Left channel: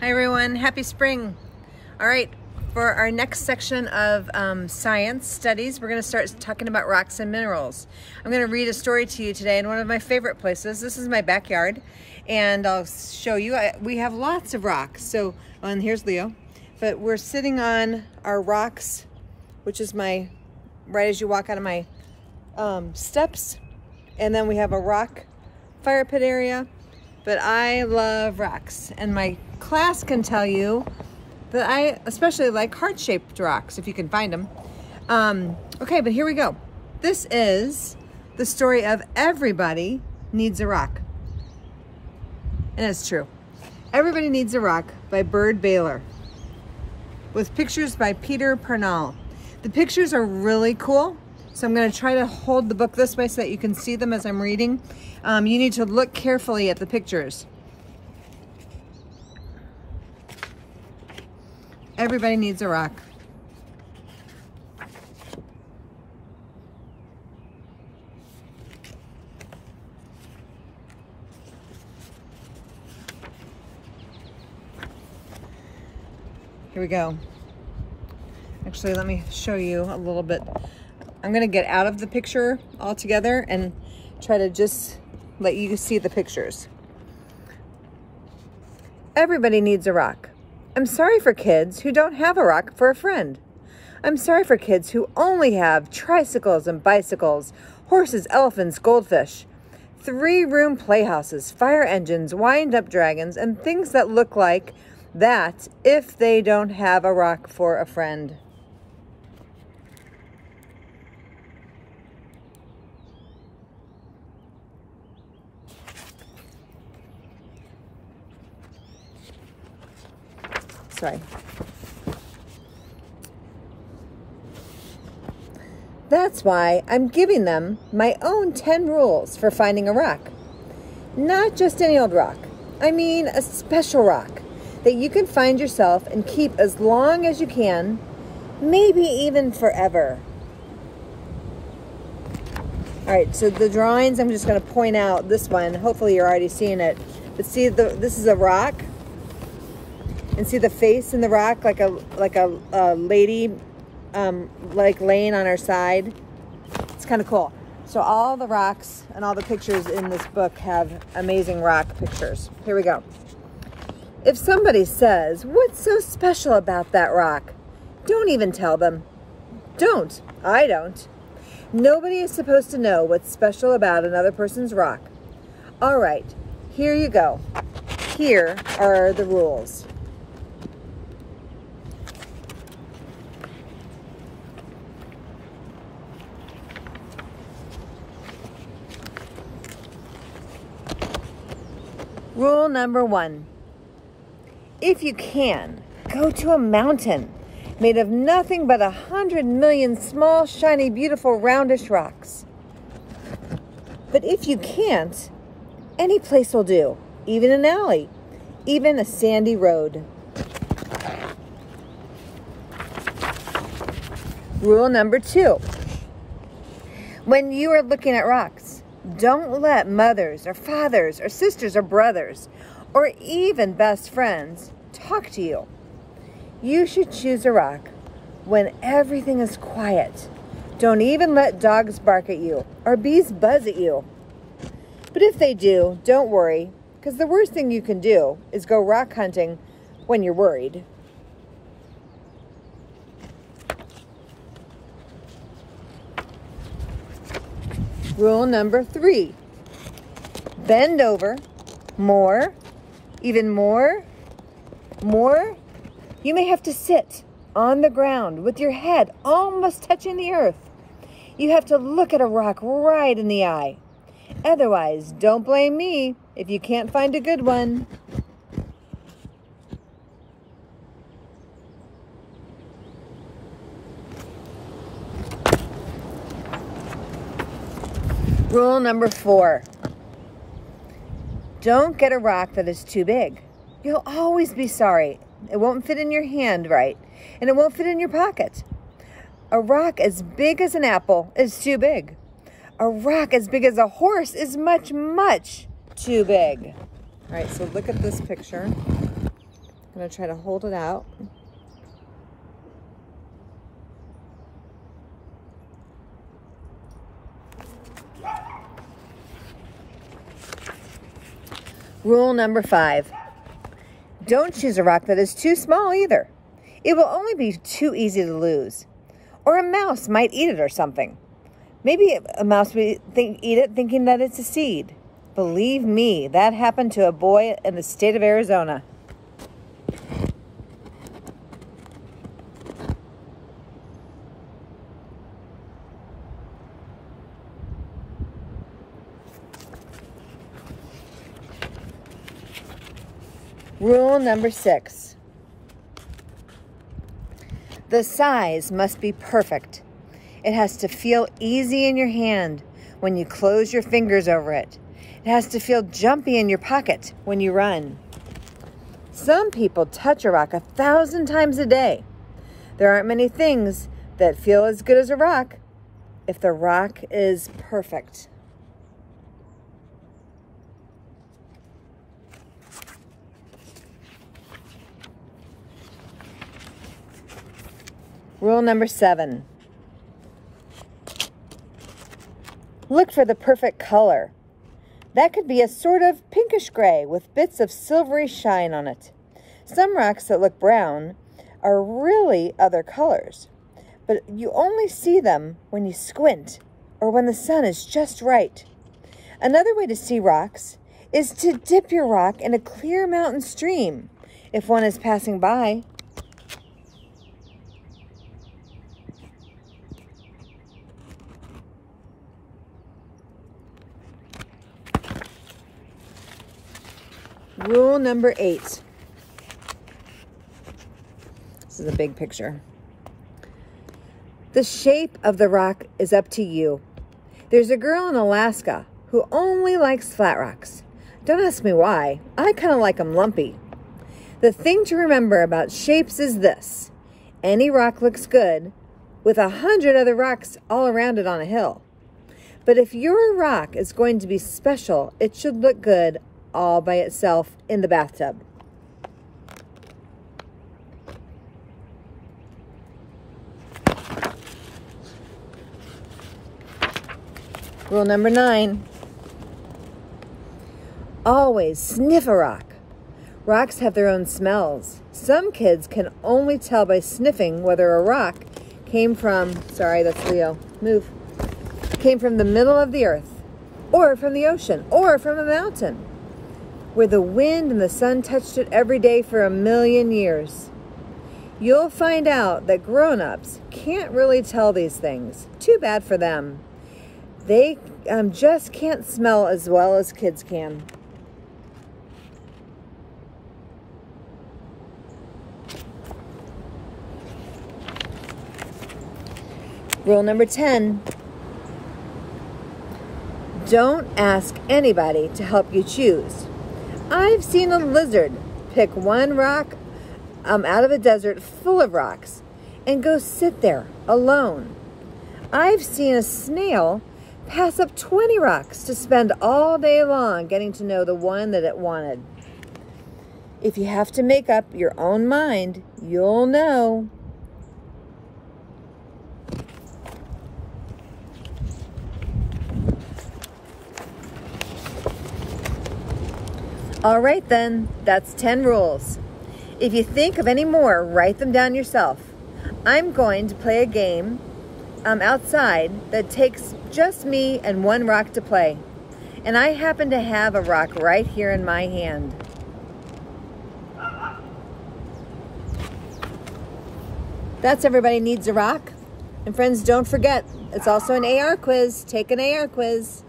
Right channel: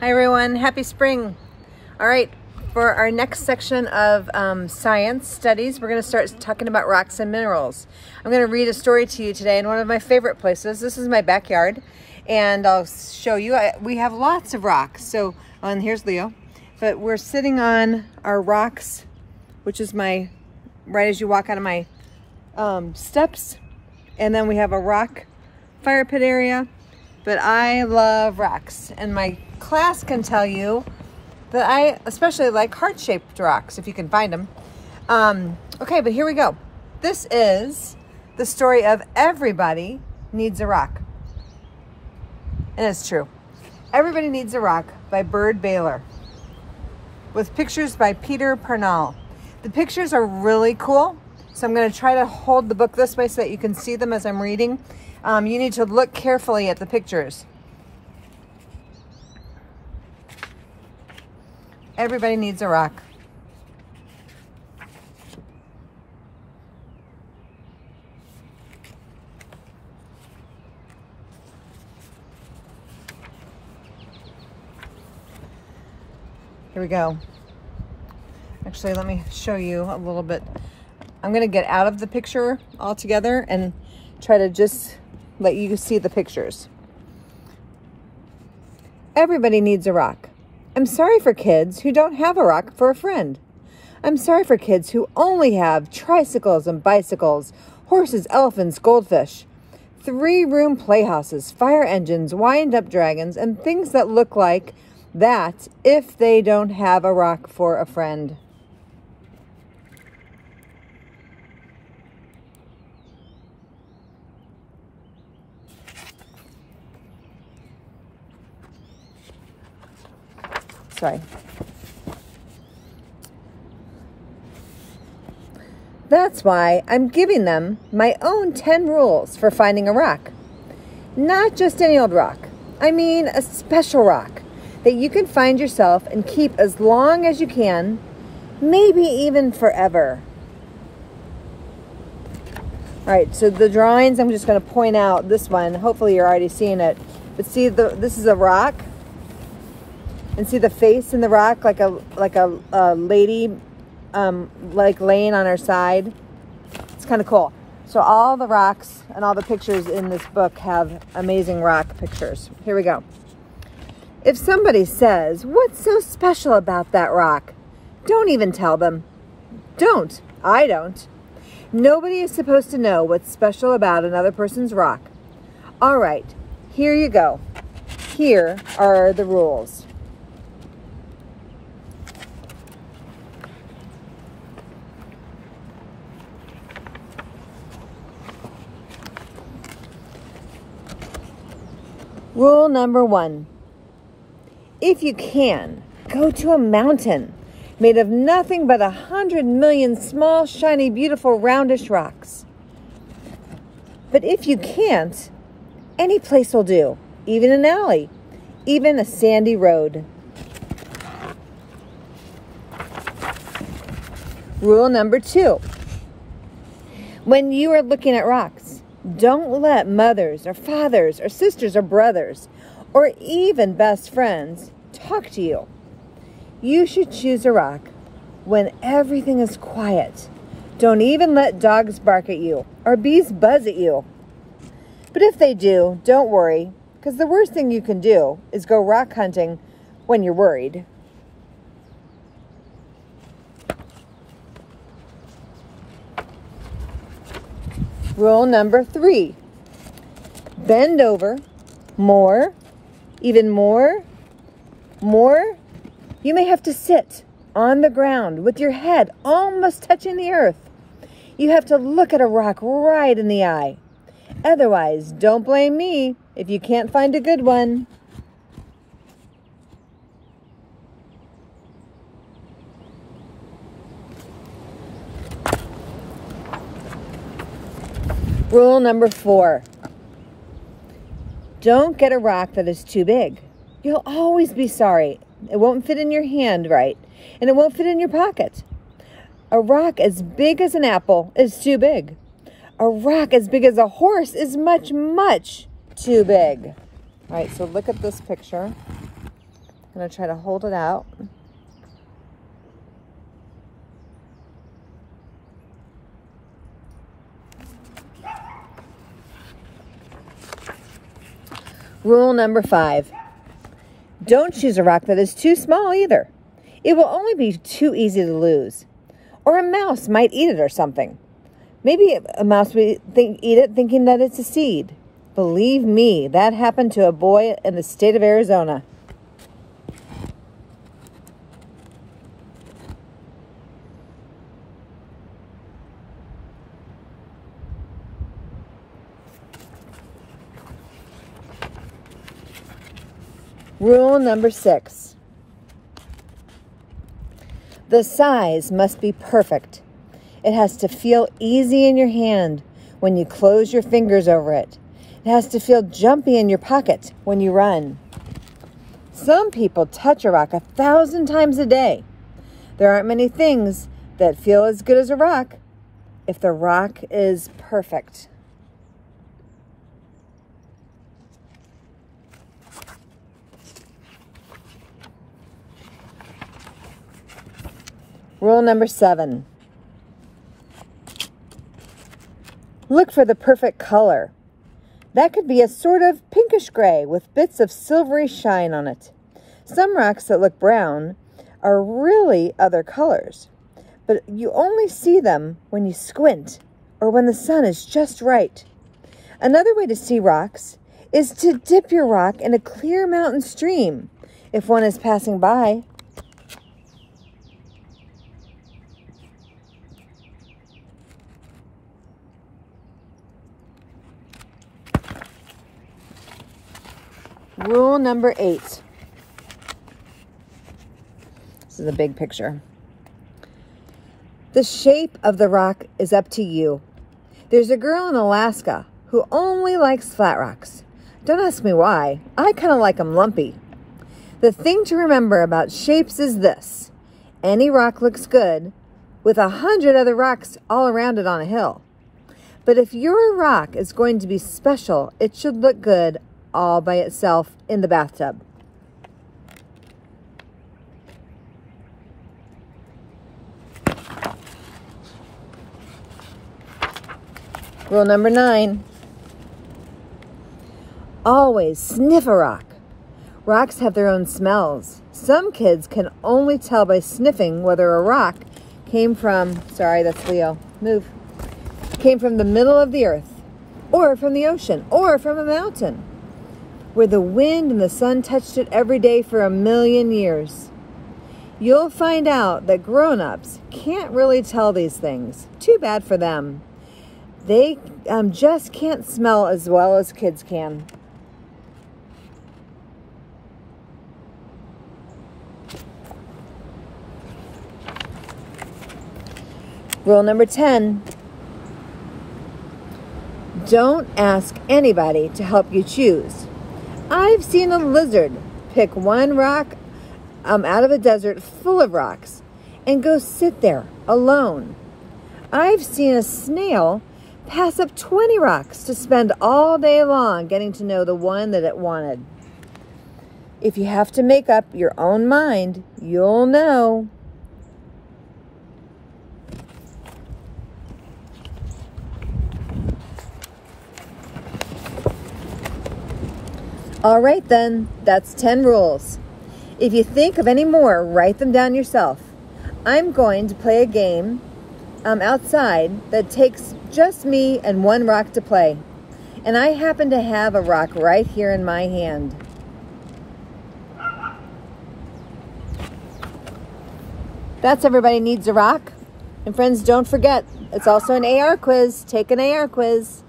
Hi everyone, happy spring. All right, for our next section of science studies, we're gonna start talking about rocks and minerals. I'm gonna read a story to you today in one of my favorite places. This is my backyard, and I'll show you. We have lots of rocks. So, and here's Leo. But we're sitting on our rocks, which is right as you walk out of my steps. And then we have a rock fire pit area. But I love rocks, and my class can tell you that I especially like heart-shaped rocks, if you can find them. Okay, but here we go. This is the story of Everybody Needs a Rock. And it's true. Everybody Needs a Rock by Byrd Baylor, with pictures by Peter Pernall. The pictures are really cool, so I'm going to try to hold the book this way so that you can see them as I'm reading. You need to look carefully at the pictures. Everybody Needs a Rock. Here we go. Actually, let me show you a little bit. I'm going to get out of the picture altogether and try to just let you see the pictures. Everybody needs a rock. I'm sorry for kids who don't have a rock for a friend. I'm sorry for kids who only have tricycles and bicycles, horses, elephants, goldfish, 3-room playhouses, fire engines, wind-up dragons, and things that look like that if they don't have a rock for a friend. Sorry. That's why I'm giving them my own 10 rules for finding a rock. Not just any old rock. I mean a special rock that you can find yourself and keep as long as you can, maybe even forever. All right, so the drawings, I'm just going to point out this one. Hopefully you're already seeing it. But see, this is a rock. And see the face in the rock, like a lady, like laying on her side. It's kind of cool. So all the rocks and all the pictures in this book have amazing rock pictures. Here we go. If somebody says, "What's so special about that rock?" don't even tell them. Don't. I don't. Nobody is supposed to know what's special about another person's rock. All right, here you go. Here are the rules. Rule number 1. If you can, go to a mountain made of nothing but 100 million small, shiny, beautiful, roundish rocks. But if you can't, any place will do, even an alley, even a sandy road. Rule number 2. When you are looking at rocks, don't let mothers or fathers or sisters or brothers or even best friends talk to you. You should choose a rock when everything is quiet. Don't even let dogs bark at you or bees buzz at you. But if they do, don't worry, because the worst thing you can do is go rock hunting when you're worried. Rule number 3. Bend over. More. Even more. More. You may have to sit on the ground with your head almost touching the earth. You have to look at a rock right in the eye. Otherwise, don't blame me if you can't find a good one. Rule number 4. Don't get a rock that is too big. You'll always be sorry. It won't fit in your hand right, and it won't fit in your pocket. A rock as big as an apple is too big. A rock as big as a horse is much, much too big. All right, so look at this picture. I'm going to try to hold it out. Rule number 5. Don't choose a rock that is too small either. It will only be too easy to lose. Or a mouse might eat it or something. Maybe a mouse would eat it thinking that it's a seed. Believe me, that happened to a boy in the state of Arizona. Rule number 6. The size must be perfect. It has to feel easy in your hand when you close your fingers over it. It has to feel jumpy in your pocket when you run. Some people touch a rock 1,000 times a day. There aren't many things that feel as good as a rock if the rock is perfect. Rule number 7. Look for the perfect color. That could be a sort of pinkish gray with bits of silvery shine on it. Some rocks that look brown are really other colors, but you only see them when you squint or when the sun is just right. Another way to see rocks is to dip your rock in a clear mountain stream if one is passing by. Rule number 8. This is a big picture. The shape of the rock is up to you. There's a girl in Alaska who only likes flat rocks. Don't ask me why. I kind of like them lumpy. The thing to remember about shapes is this. Any rock looks good with 100 other rocks all around it on a hill. But if your rock is going to be special, it should look good all by itself in the bathtub. Rule number 9. Always sniff a rock. Rocks have their own smells. Some kids can only tell by sniffing whether a rock came from, sorry, that's Leo, move, came from the middle of the earth, or from the ocean, or from a mountain, where the wind and the sun touched it every day for 1,000,000 years. You'll find out that grown-ups can't really tell these things. Too bad for them. They just can't smell as well as kids can. Rule number 10. Don't ask anybody to help you choose. I've seen a lizard pick one rock out of a desert full of rocks and go sit there alone. I've seen a snail pass up 20 rocks to spend all day long getting to know the one that it wanted. If you have to make up your own mind, you'll know. All right then, that's 10 rules. If you think of any more, write them down yourself. I'm going to play a game outside that takes just me and one rock to play. And I happen to have a rock right here in my hand. That's Everybody Needs a Rock. And friends, don't forget, it's also an AR quiz. Take an AR quiz.